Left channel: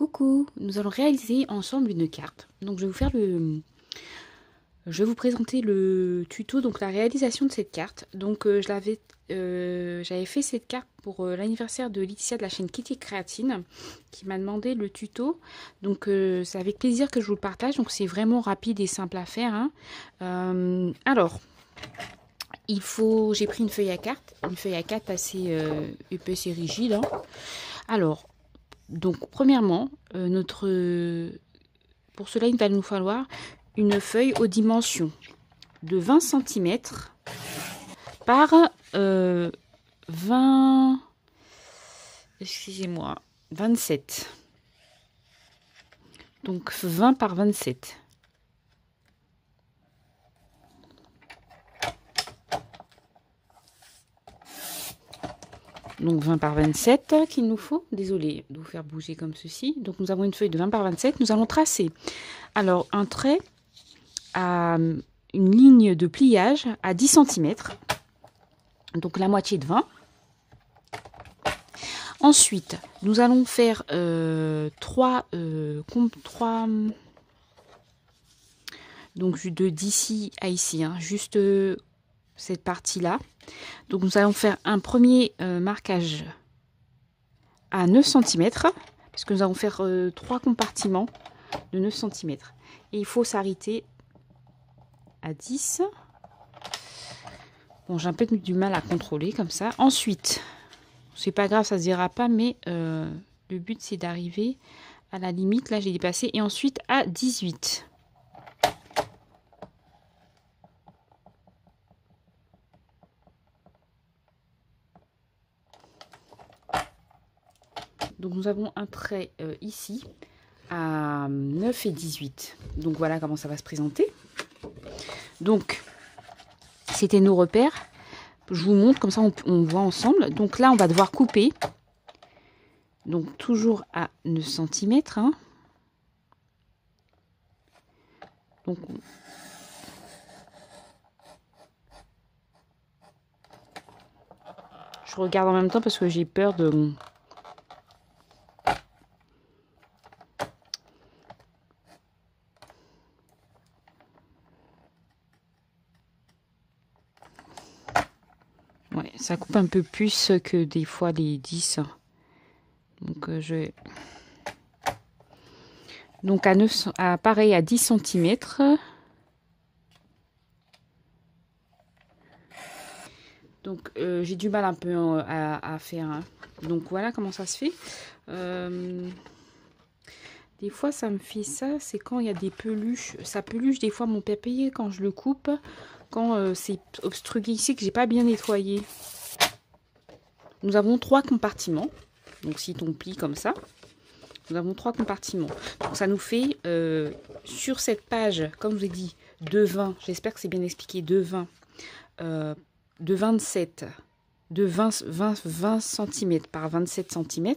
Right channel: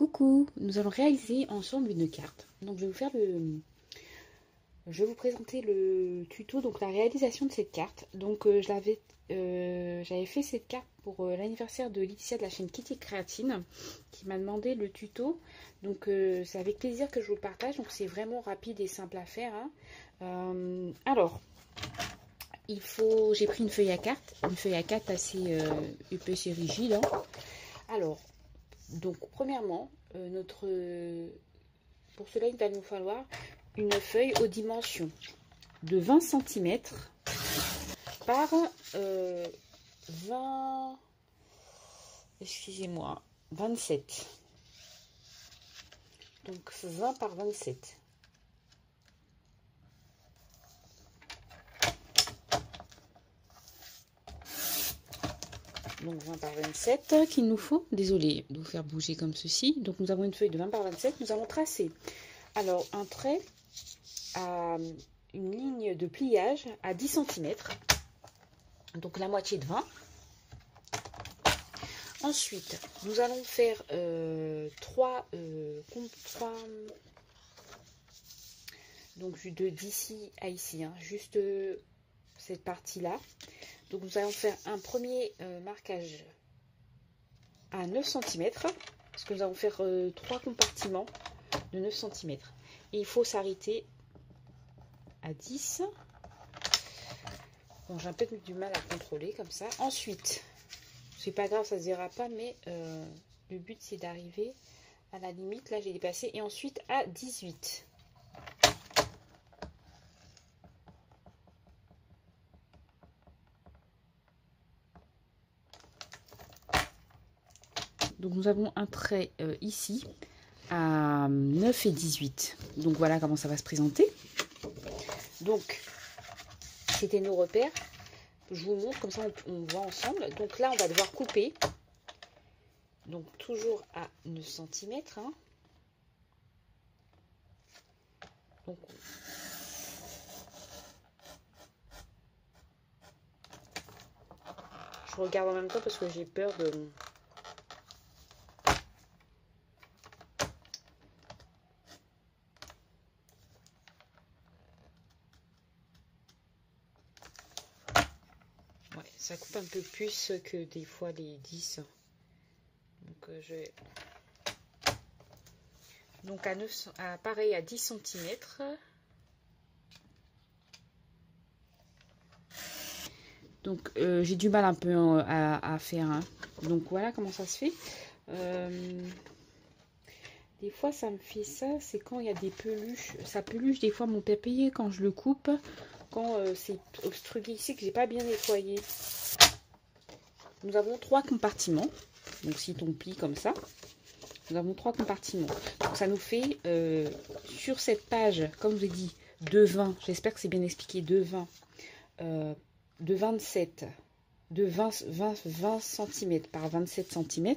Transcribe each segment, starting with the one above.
Coucou, nous allons réaliser ensemble une carte. Donc je vais vous présenter le tuto, donc la réalisation de cette carte. Donc j'avais fait cette carte pour l'anniversaire de Laetitia de la chaîne Kitty Créatine qui m'a demandé le tuto. Donc c'est avec plaisir que je vous le partage. Donc c'est vraiment rapide et simple à faire, hein. J'ai pris une feuille à carte assez épaisse et rigide, hein. Alors, donc premièrement, pour cela il va nous falloir une feuille aux dimensions de 20 cm par 27. Donc 20 par 27. Donc 20 par 27 qu'il nous faut. Désolée de vous faire bouger comme ceci. Donc nous avons une feuille de 20 par 27. Nous allons tracer alors un trait à une ligne de pliage à 10 cm. Donc la moitié de 20. Ensuite, nous allons faire 3 donc d'ici à ici, hein, juste cette partie-là. Donc nous allons faire un premier marquage à 9 cm, parce que nous allons faire 3 compartiments de 9 cm. Et il faut s'arrêter à 10. Bon, j'ai un peu du mal à contrôler comme ça. Ensuite, c'est pas grave, ça se dira pas, mais le but c'est d'arriver à la limite. Là, j'ai dépassé. Et ensuite à 18. Donc nous avons un trait ici à 9 et 18. Donc voilà comment ça va se présenter. Donc c'était nos repères. Je vous montre, comme ça on voit ensemble. Donc là on va devoir couper. Donc toujours à 9 cm. Hein. Donc je regarde en même temps parce que j'ai peur de... Ouais, ça coupe un peu plus que des fois les 10. Donc donc pareil à 10 cm. Donc j'ai du mal un peu à faire, hein. Donc voilà comment ça se fait. Des fois ça me fait ça, c'est quand il y a des peluches. Ça peluche des fois mon papier quand je le coupe. Quand c'est obstrué ici, que j'ai pas bien nettoyé. Nous avons 3 compartiments. Donc si on plie comme ça, nous avons 3 compartiments. Donc ça nous fait sur cette page, comme je vous ai dit, de 20. J'espère que c'est bien expliqué, de 20, de 27, de 20 cm par 27 cm.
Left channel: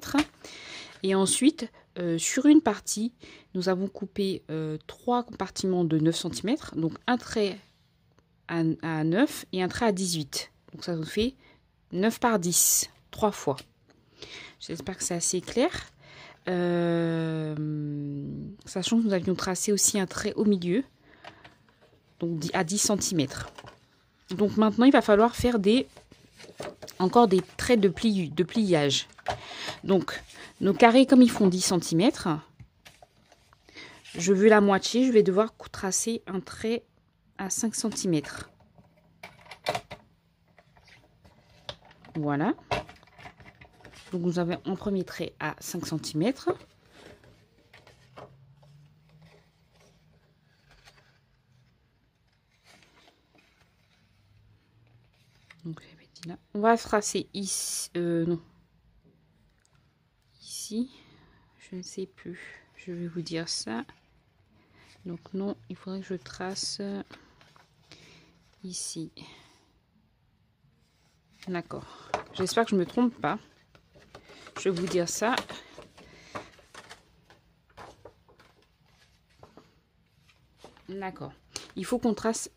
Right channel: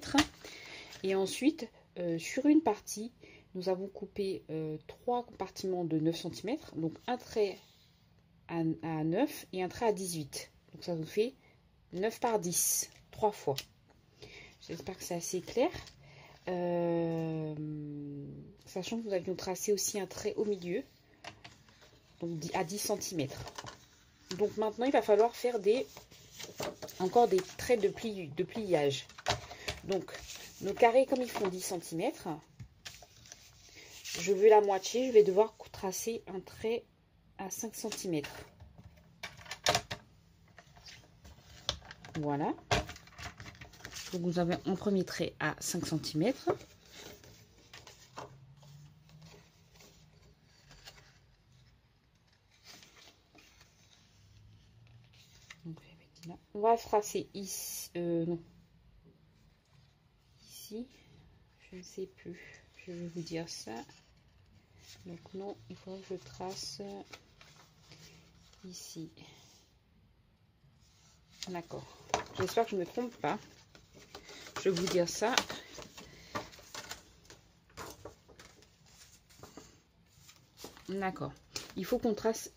Et ensuite, sur une partie, nous avons coupé 3 compartiments de 9 cm. Donc un trait à 9 et un trait à 18. Donc ça nous fait 9 par 10, 3 fois. J'espère que c'est assez clair. Sachant que nous avions tracé aussi un trait au milieu, donc à 10 cm. Donc maintenant, il va falloir faire encore des traits de pliage. Donc, nos carrés, comme ils font 10 cm, je veux la moitié, je vais devoir tracer un trait à 5 cm. Voilà. Donc nous avons un premier trait à 5 cm. Donc là. On va tracer ici. Non. Ici. Je ne sais plus. Je vais vous dire ça. Donc non, il faudrait que je trace ici. D'accord. J'espère que je ne me trompe pas. Je vais vous dire ça. D'accord. Il faut qu'on trace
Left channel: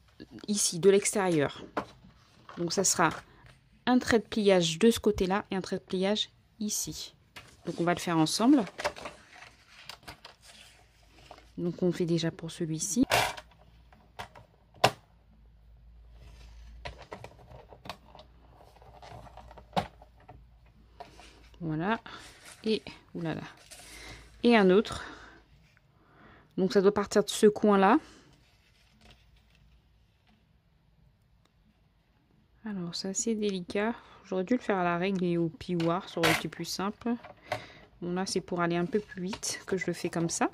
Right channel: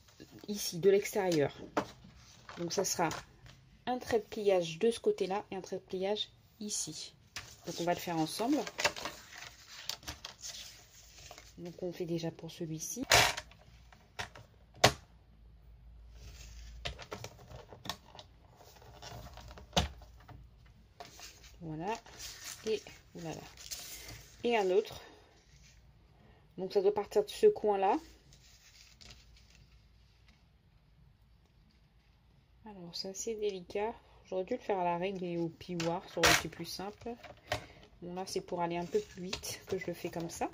ici, de l'extérieur. Donc ça sera un trait de pliage de ce côté-là et un trait de pliage ici. Donc on va le faire ensemble. Donc on fait déjà pour celui-ci. Voilà. Et oulala. Et un autre. Donc ça doit partir de ce coin-là. Alors c'est assez délicat. J'aurais dû le faire à la règle et au pivoire, ça aurait été plus simple. Bon là c'est pour aller un peu plus vite que je le fais comme ça.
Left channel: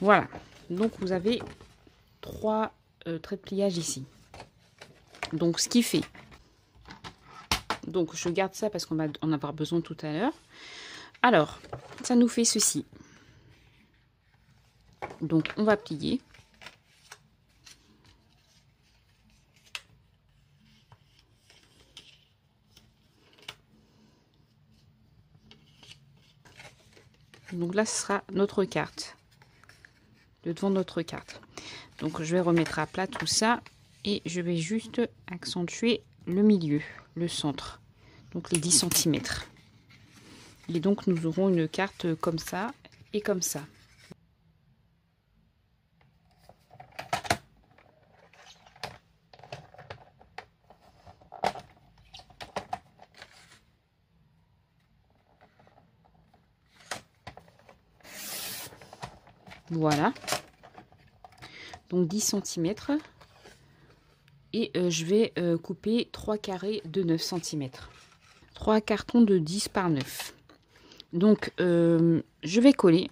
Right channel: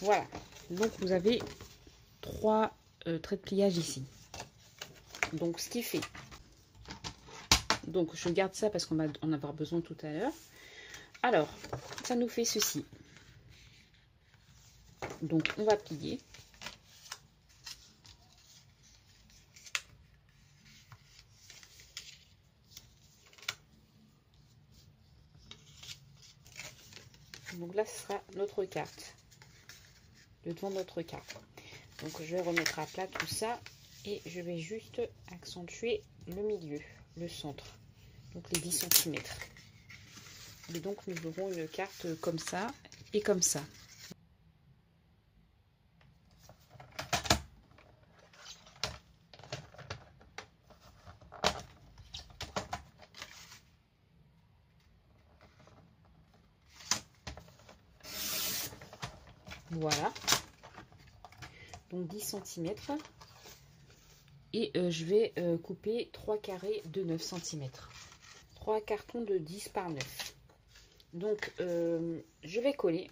Voilà. Donc vous avez 3 traits de pliage ici. Donc ce qui fait. Donc je garde ça parce qu'on va en avoir besoin tout à l'heure. Alors ça nous fait ceci. Donc on va plier. Donc là ce sera notre carte. Le devant de notre carte. Donc je vais remettre à plat tout ça. Et je vais juste accentuer le milieu, le centre. Donc les 10 cm. Et donc nous aurons une carte comme ça et comme ça. Voilà. Donc 10 cm. Et je vais couper 3 carrés de 9 cm. 3 cartons de 10 par 9. Donc je vais coller.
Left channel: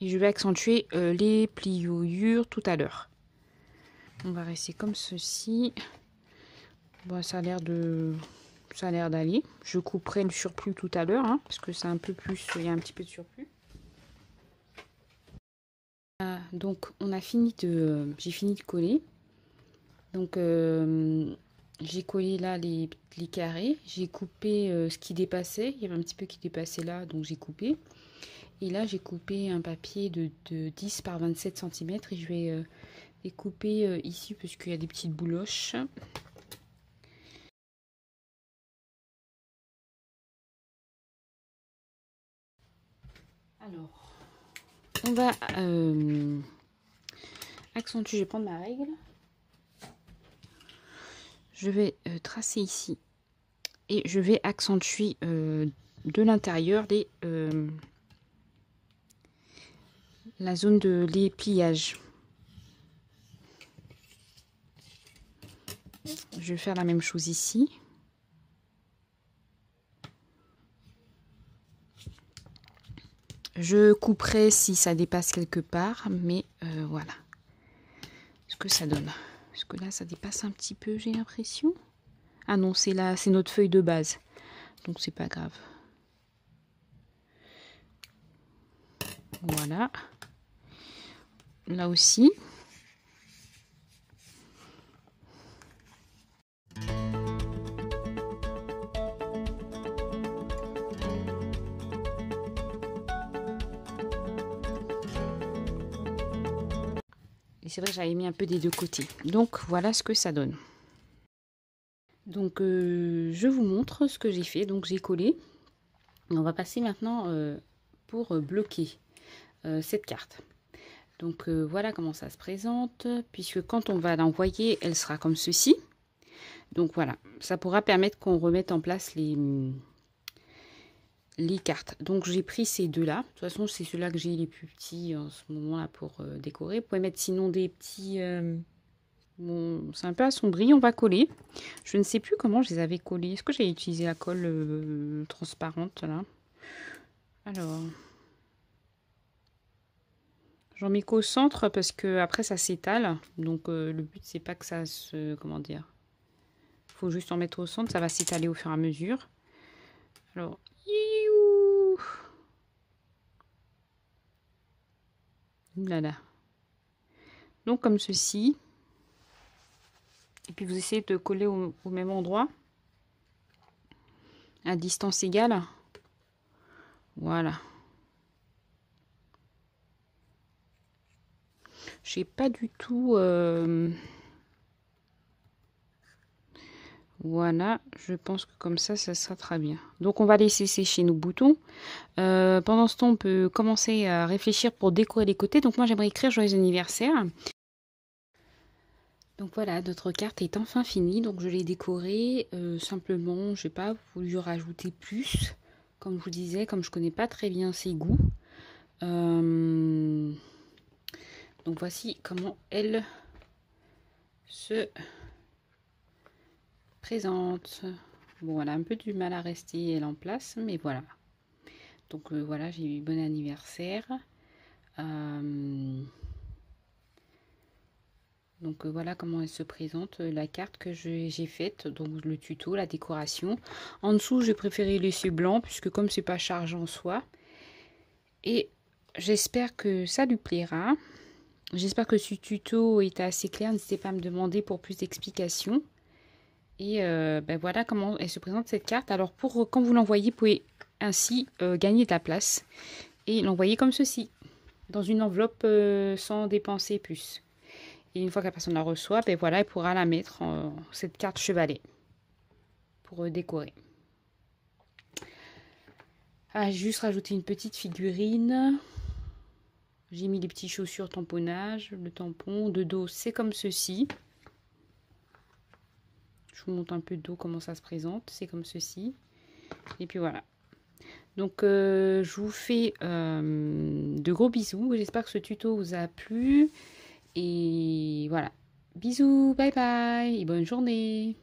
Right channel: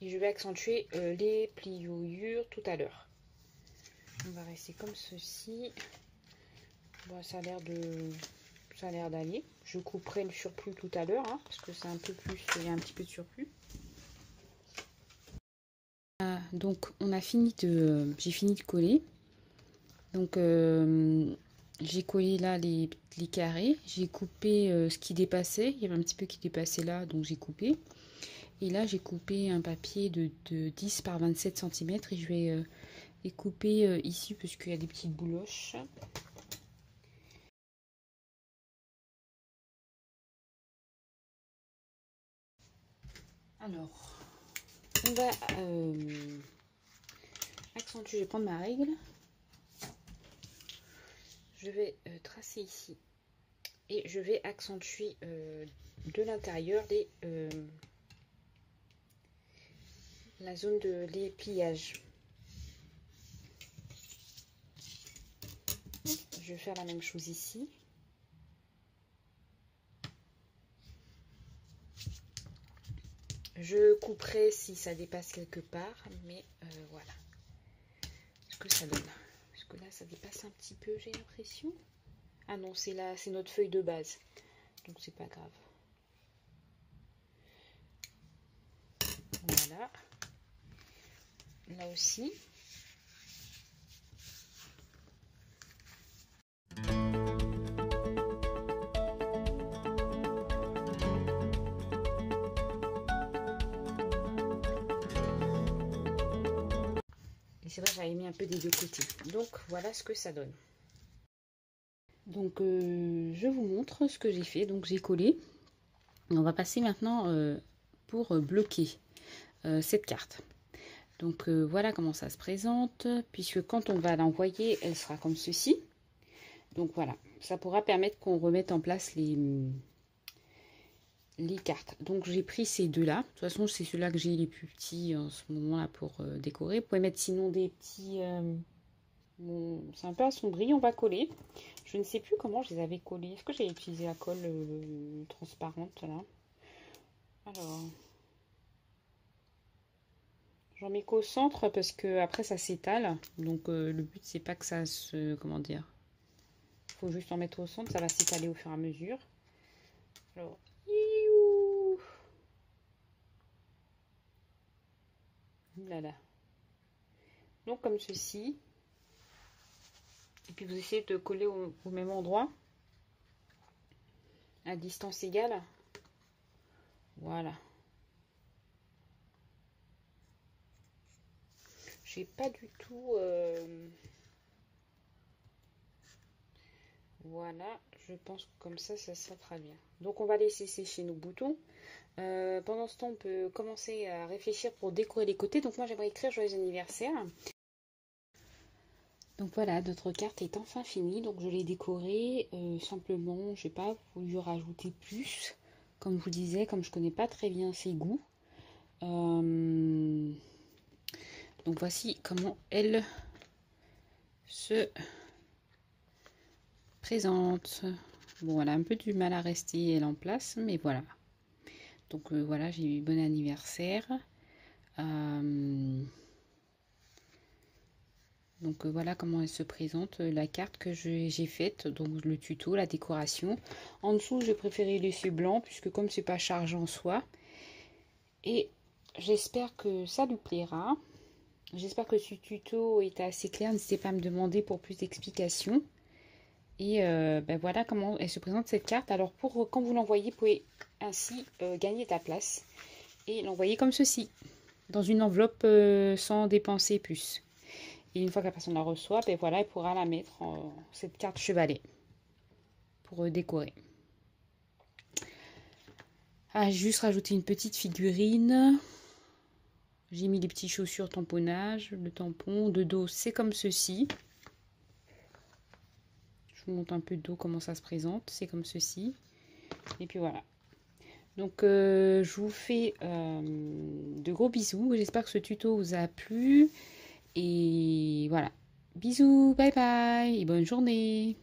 Et je vais accentuer les pliures tout à l'heure. On va rester comme ceci. Bon, ça a l'air d'aller. Je couperai le surplus tout à l'heure, hein, parce que c'est un peu plus, il y a un petit peu de surplus. Donc on a fini j'ai fini de coller. Donc j'ai collé là les carrés. J'ai coupé ce qui dépassait. Il y avait un petit peu qui dépassait là, donc j'ai coupé. Et là j'ai coupé un papier de 10 par 27 cm et je vais les couper ici parce qu'il y a des petites bouloches. Alors, on va accentuer, je vais prendre ma règle. Je vais tracer ici et je vais accentuer de l'intérieur la zone de les pliages. Je vais faire la même chose ici. Je couperai si ça dépasse quelque part, mais voilà ce que ça donne. Parce que là, ça dépasse un petit peu, j'ai l'impression. Ah non, c'est là, c'est notre feuille de base, donc c'est pas grave. Voilà. Là aussi. Et c'est vrai que j'avais mis un peu des deux côtés. Donc voilà ce que ça donne. Donc je vous montre ce que j'ai fait. Donc j'ai collé. On va passer maintenant pour bloquer cette carte. Donc voilà comment ça se présente. Puisque quand on va l'envoyer, elle sera comme ceci. Donc voilà, ça pourra permettre qu'on remette en place les cartes. Donc j'ai pris ces deux-là. De toute façon, c'est ceux-là que j'ai les plus petits en ce moment-là pour décorer. Vous pouvez mettre sinon des petits... bon, c'est un peu assombri, on va coller. Je ne sais plus comment je les avais collés. Est-ce que j'ai utilisé la colle transparente là? Alors... j'en mets qu'au centre parce que après ça s'étale. Donc le but c'est pas que ça se... comment dire? Il faut juste en mettre au centre, ça va s'étaler au fur et à mesure. Alors... là là. Donc comme ceci. Et puis vous essayez de coller au même endroit. À distance égale. Voilà. J'ai pas du tout... Voilà, je pense que comme ça sera très bien. Donc on va laisser sécher nos boutons. Pendant ce temps, on peut commencer à réfléchir pour décorer les côtés. Donc moi, j'aimerais écrire joyeux anniversaire. Donc voilà, notre carte est enfin finie. Donc je l'ai décorée. Simplement, je n'ai pas voulu rajouter plus. Comme je vous disais, comme je connais pas très bien ses goûts. Donc voici comment elle se présente. Bon, elle a un peu du mal à rester elle en place, mais voilà. Donc voilà, j'ai eu bon anniversaire. Donc voilà comment elle se présente, la carte que j'ai faite, donc le tuto, la décoration. En dessous, j'ai préféré laisser blanc, puisque comme c'est pas chargé en soi. Et j'espère que ça lui plaira. J'espère que ce tuto est assez clair. N'hésitez pas à me demander pour plus d'explications. Et ben voilà comment elle se présente cette carte. Alors pour quand vous l'envoyez, vous pouvez ainsi gagner de la place et l'envoyer comme ceci, dans une enveloppe sans dépenser plus. Et une fois que la personne la reçoit, ben voilà, elle pourra la mettre cette carte chevalet pour décorer. Ah, j'ai juste rajouté une petite figurine. J'ai mis les petits chaussures tamponnage, le tampon de dos, c'est comme ceci. Je vous montre un peu de dos comment ça se présente, c'est comme ceci. Et puis voilà. Donc je vous fais de gros bisous. J'espère que ce tuto vous a plu. Et voilà. Bisous, bye bye et bonne journée.